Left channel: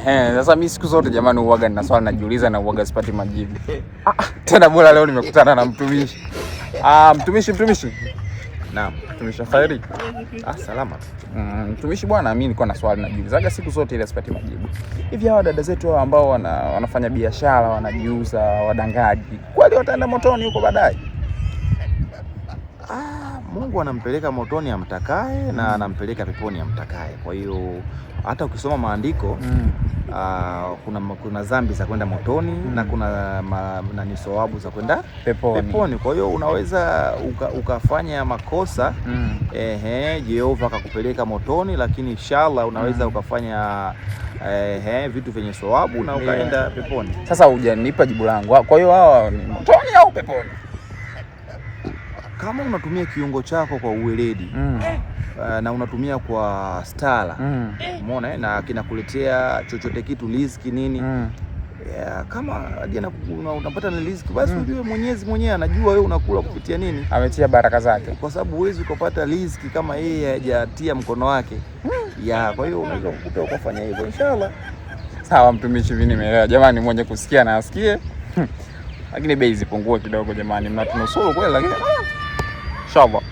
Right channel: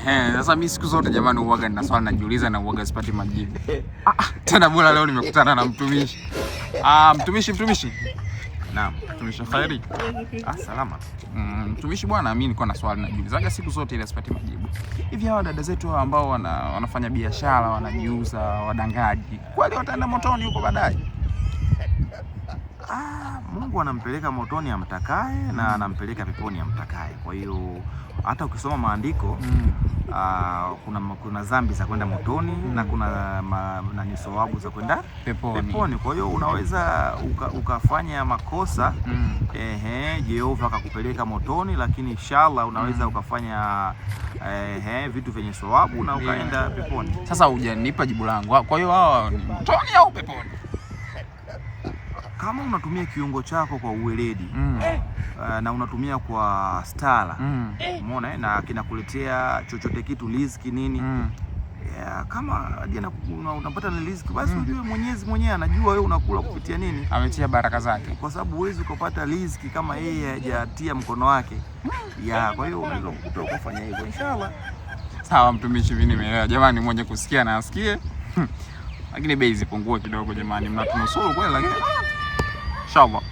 Sasa mimi siku zote jamani uwaga nina swali najiuliza na uwaga sipati majibu. Tena bora leo nimekutana na mtumishi. Mtumishi. Naam. Mtumishi Khairi. Salama. Mtumishi bwana, mimi nilikuwa na swali najiulizaga siku zote ile sipati majibu. Hivi hawa dada zetu ambao wanafanya biashara, wanajiuza, wadangaji, kweli wataenda motoni huko baadaye? Mungu anampeleka motoni amtakaye na anampeleka peponi amtakaye. Kwa hiyo hata ukisoma maandiko kuna dhambi za kwenda motoni na kuna ni thawabu za kwenda peponi. Kwa hiyo unaweza ukafanya makosa Jehova akakupeleka motoni, lakini inshallah unaweza ukafanya vitu vyenye thawabu na ukaenda peponi. Sasa hujanipa jibu langu. Kwa hiyo hawa ni motoni au peponi? Kama unatumia kiungo chako kwa uweledi na unatumia kwa stara, umeona, na kinakuletea chochote kitu, riziki nini, kama unapata na riziki, basi ujue Mwenyezi mwenyewe anajua wewe unakula kupitia nini, ametia baraka zake, kwa sababu huwezi kupata riziki kama yeye hajatia mkono wake. Kwa hiyo unaweza kukuta ukafanya hivyo inshallah. Sawa mtumishi, mimi nimeelewa jamani, mwenye kusikia na asikie. Lakini bei zipungue kidogo jamani, mnatunusuru kweli, lakini inshallah.